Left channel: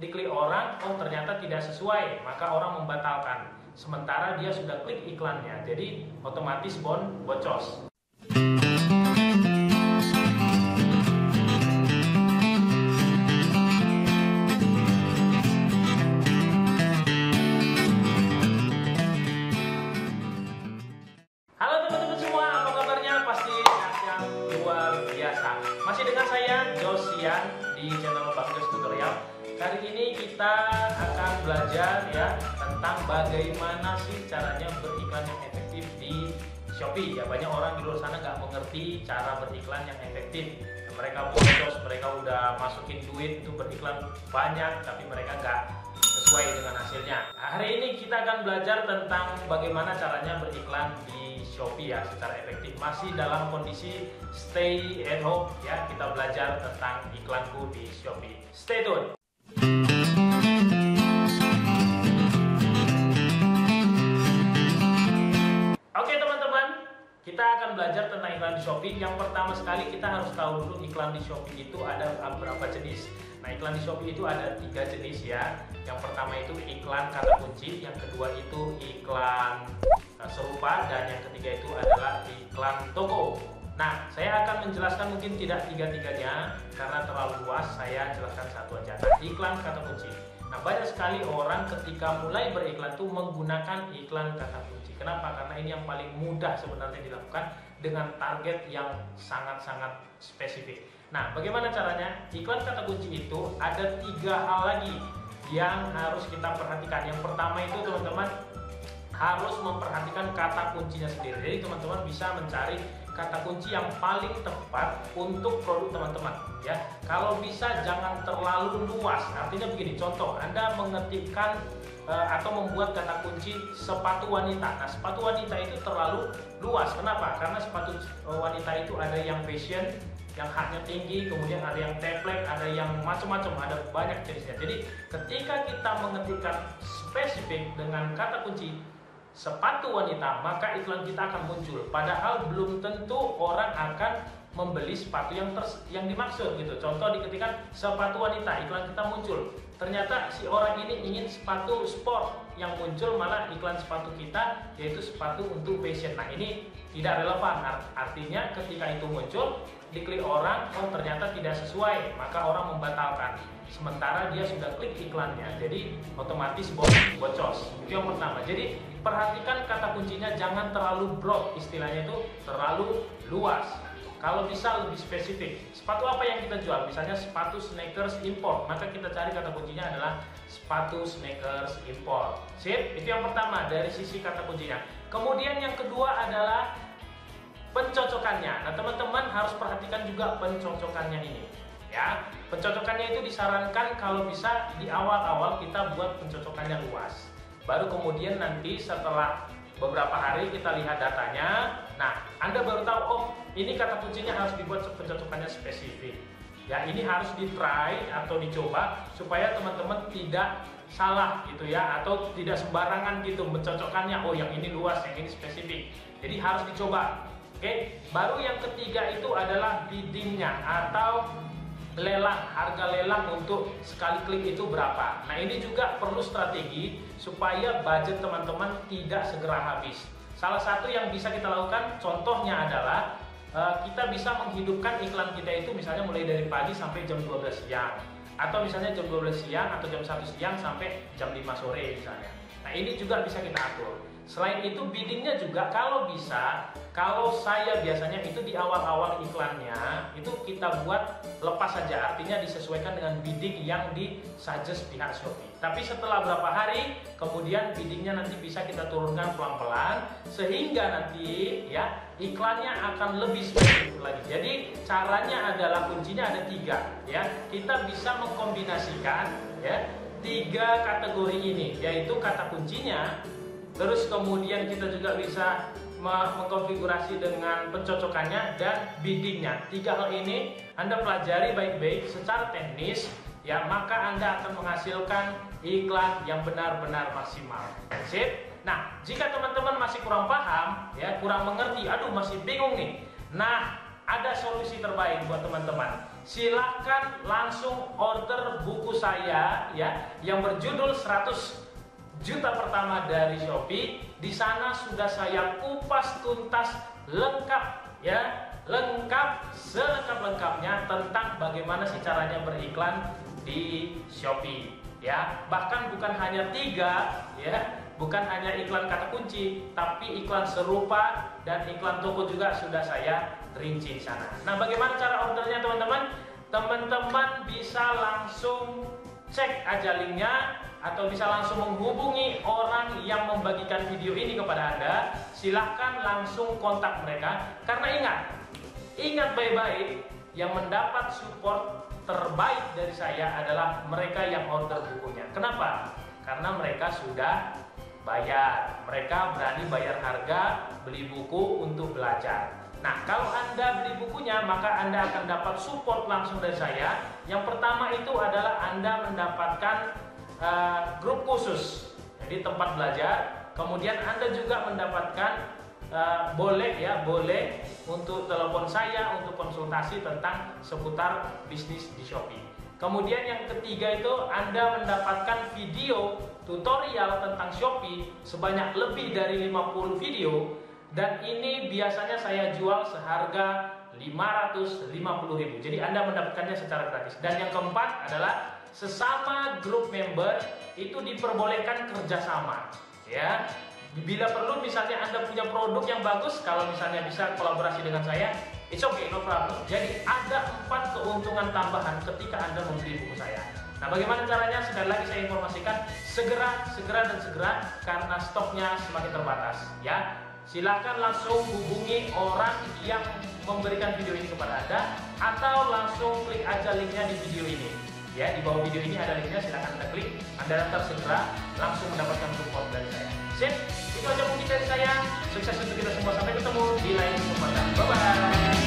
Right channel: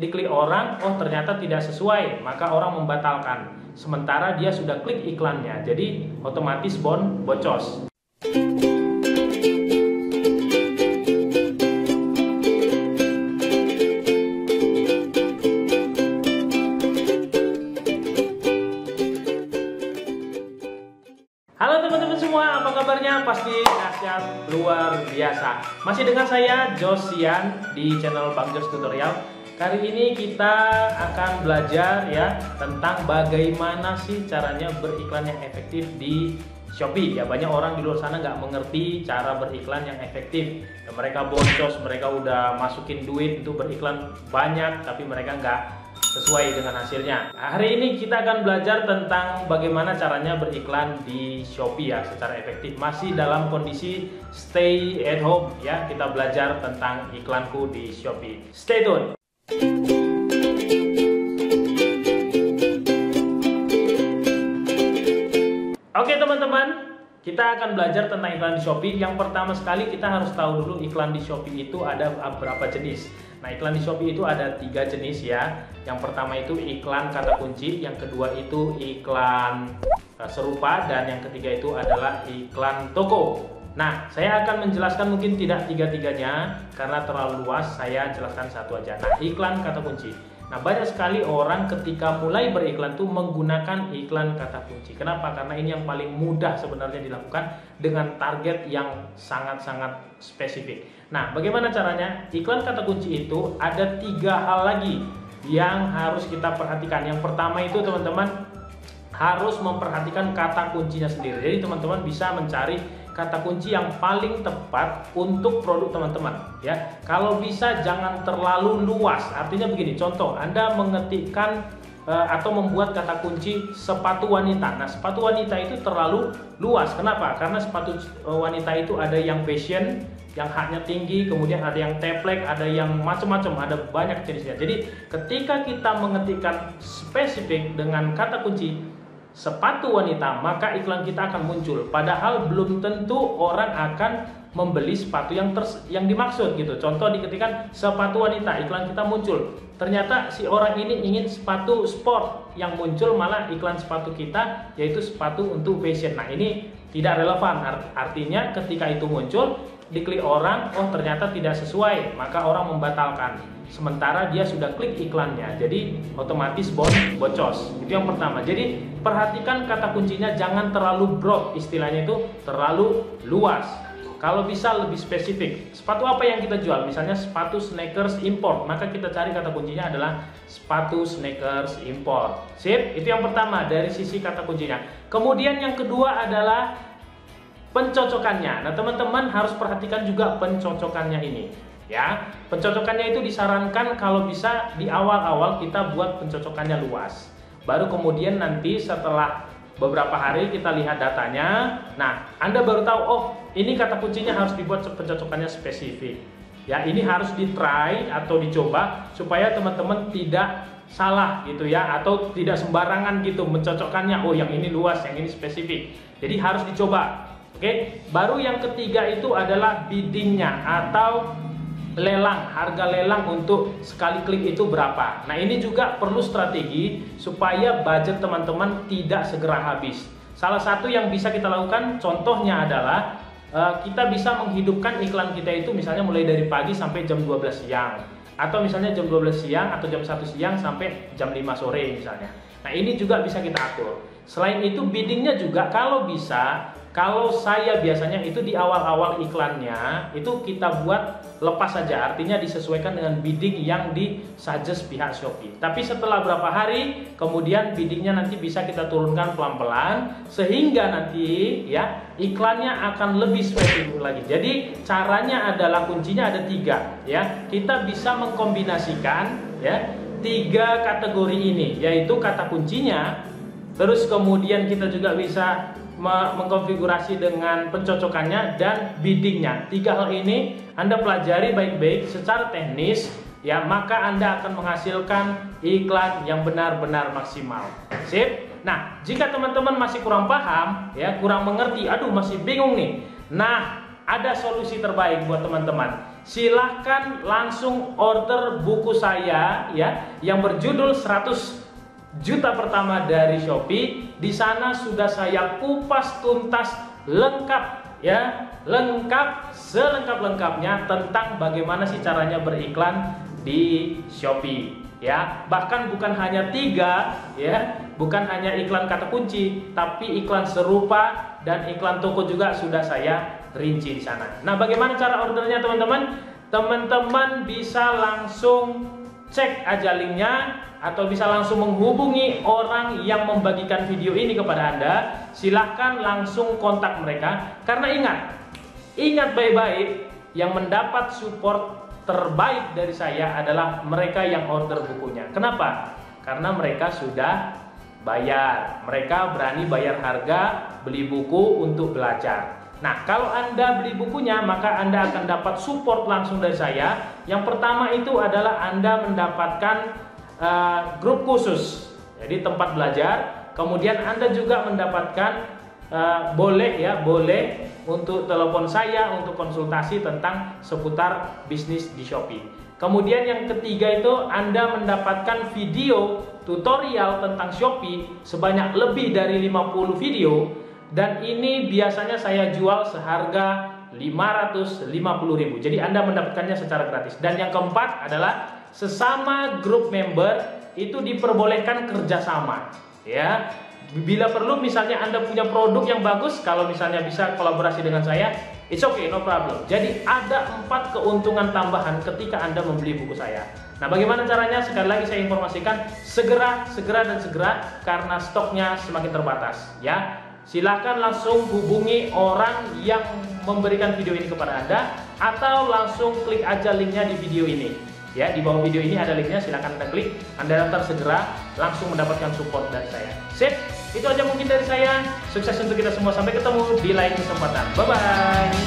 diklik orang, oh ternyata tidak sesuai, maka orang membatalkan. Sementara dia sudah klik iklannya, jadi otomatis bocos. Halo teman-teman semua, apa kabarnya? Pasti dahsyat luar biasa. Masih dengan saya Josian di channel Bang Jos Tutorial. Kali ini kita akan belajar ya tentang bagaimana sih caranya beriklan yang efektif di Shopee. Ya, banyak orang di luar sana nggak mengerti cara beriklan yang efektif. Ya, mereka boncos, mereka udah masukin duit untuk beriklan banyak, tapi mereka nggak sesuai dengan hasilnya. Nah, hari ini kita akan belajar tentang bagaimana caranya beriklan di Shopee ya secara efektif. Masih dalam kondisi stay at home ya, kita belajar tentang iklanku di Shopee. Stay tune. Oke teman-teman, kita akan belajar tentang iklan di Shopee. Yang pertama sekali kita harus tahu dulu iklan di Shopee itu ada berapa jenis. Nah, iklan di Shopee itu ada 3 jenis ya. Yang pertama itu iklan kata kunci, yang kedua itu iklan serupa, dan yang ketiga itu adalah iklan toko. Nah, saya akan menjelaskan mungkin tidak tiga-tiganya karena terlalu luas, saya jelaskan satu aja. Nah, iklan kata kunci. Nah, banyak sekali orang ketika mulai beriklan tuh menggunakan iklan kata kunci. Kenapa? Karena ini yang paling mudah sebenarnya dilakukan dengan target yang sangat-sangat spesifik. Nah, bagaimana caranya? Iklan kata kunci itu ada 3 hal lagi yang harus kita perhatikan. Yang pertama itu teman-teman harus memperhatikan kata kuncinya sendiri. Jadi teman-teman bisa mencari kata kunci yang paling tepat untuk produk teman-teman ya. Kalau bisa jangan terlalu luas. Artinya begini, contoh Anda mengetikkan atau membuat kata kunci sepatu wanita. Nah, sepatu wanita itu terlalu luas. Kenapa? Karena sepatu wanita itu ada yang fashion, yang haknya tinggi, kemudian ada yang teplek, ada yang macam-macam, ada banyak jenisnya. Jadi ketika kita mengetikkan spesifik dengan kata kunci sepatu wanita, maka iklan kita akan muncul. Padahal belum tentu orang akan membeli sepatu yang dimaksud gitu. Contoh diketikkan sepatu wanita, iklan kita muncul. Ternyata si orang ini ingin sepatu sport, yang muncul malah iklan sepatu kita yaitu sepatu untuk fashion. Nah, ini tidak relevan. Artinya ketika itu muncul, diklik orang, oh ternyata tidak sesuai, maka orang membatalkan. Sementara dia sudah klik iklannya, jadi otomatis bocos. Itu yang pertama. Jadi perhatikan kata kuncinya, jangan terlalu broad, istilahnya itu terlalu luas. Kalau bisa lebih spesifik. Sepatu apa yang kita jual? Misalnya sepatu sneakers import, maka kita cari kata kuncinya adalah sepatu sneakers import. Sip, itu yang pertama dari sisi kata kuncinya. Kemudian yang kedua adalah pencocokannya. Nah, teman-teman harus perhatikan juga pencocokannya ini. Ya, pencocokannya itu disarankan kalau bisa di awal-awal kita buat pencocokannya luas. Baru kemudian nanti setelah beberapa hari kita lihat datanya. Nah, Anda baru tahu, oh ini kata kuncinya harus dibuat pencocokannya spesifik. Ya, ini harus di-try atau dicoba supaya teman-teman tidak salah gitu ya, atau tidak sembarangan gitu mencocokkannya. Oh, yang ini luas, yang ini spesifik. Jadi harus dicoba. Oke, baru yang ketiga itu adalah biddingnya atau lelang, harga lelang untuk sekali klik itu berapa. Nah, ini juga perlu strategi supaya budget teman-teman tidak segera habis. Salah satu yang bisa kita lakukan contohnya adalah kita bisa menghidupkan iklan kita itu misalnya mulai dari pagi sampai jam 12 siang, atau misalnya jam 12 siang atau jam 1 siang sampai jam 5 sore misalnya. Nah, ini juga bisa kita atur. Selain itu biddingnya juga kalau bisa, kalau saya biasanya itu di awal-awal iklannya itu kita buat lepas saja, artinya disesuaikan dengan bidding yang disuggest pihak Shopee. Tapi setelah berapa hari kemudian biddingnya nanti bisa kita turunkan pelan-pelan sehingga nanti ya iklannya akan lebih spesifik lagi. Jadi caranya adalah kuncinya ada 3 ya. Kita bisa mengkombinasikan ya 3 kategori ini, yaitu kata kuncinya, terus kemudian kita juga bisa mengkonfigurasi dengan pencocokannya dan biddingnya. 3 hal ini Anda pelajari baik-baik secara teknis ya, maka Anda akan menghasilkan iklan yang benar-benar maksimal. Sip. Nah, jika teman-teman masih kurang paham ya, kurang mengerti, aduh masih bingung nih. Nah, ada solusi terbaik buat teman-teman. silahkan langsung order buku saya ya, yang berjudul 100 juta pertama dari Shopee. Di sana sudah saya kupas tuntas lengkap ya, lengkap selengkap-lengkapnya tentang bagaimana sih caranya beriklan di Shopee ya. Bahkan bukan hanya 3 ya, bukan hanya iklan kata kunci, tapi iklan serupa dan iklan toko juga sudah saya rinci di sana. Nah, bagaimana cara ordernya teman-teman? Teman-teman bisa langsung cek aja linknya atau bisa langsung menghubungi orang yang membagikan video ini kepada Anda. Silahkan langsung kontak mereka, karena ingat baik-baik, yang mendapat support terbaik dari saya adalah mereka yang order bukunya. Kenapa? Karena mereka sudah bayar, mereka berani bayar harga beli buku untuk belajar. Nah, kalau Anda beli bukunya, maka Anda akan dapat support langsung dari saya. Yang pertama itu adalah Anda mendapatkan grup khusus, jadi tempat belajar. Kemudian Anda juga mendapatkan boleh untuk telepon saya untuk konsultasi tentang seputar bisnis di Shopee. Kemudian yang ketiga itu Anda mendapatkan video tutorial tentang Shopee sebanyak lebih dari 50 video, dan ini biasanya saya jual seharga 550.000. Jadi Anda mendapatkannya secara gratis. Dan yang keempat adalah sesama grup member itu diperbolehkan kerjasama ya. Bila perlu misalnya Anda punya produk yang bagus, kalau misalnya bisa kolaborasi dengan saya, it's okay, no problem. Jadi ada 4 keuntungan tambahan ketika Anda membeli buku saya. Nah, bagaimana caranya? Sekali lagi saya informasikan, segera karena stoknya semakin terbatas ya. Silahkan langsung hubungi orang yang memberikan video ini kepada Anda, atau langsung klik aja linknya di video ini ya. Di bawah video ini ada linknya, silahkan Anda klik. Anda daftar segera, langsung mendapatkan support dari saya. Sip, itu aja mungkin dari saya. Sukses untuk kita semua, sampai ketemu di lain kesempatan. Bye bye.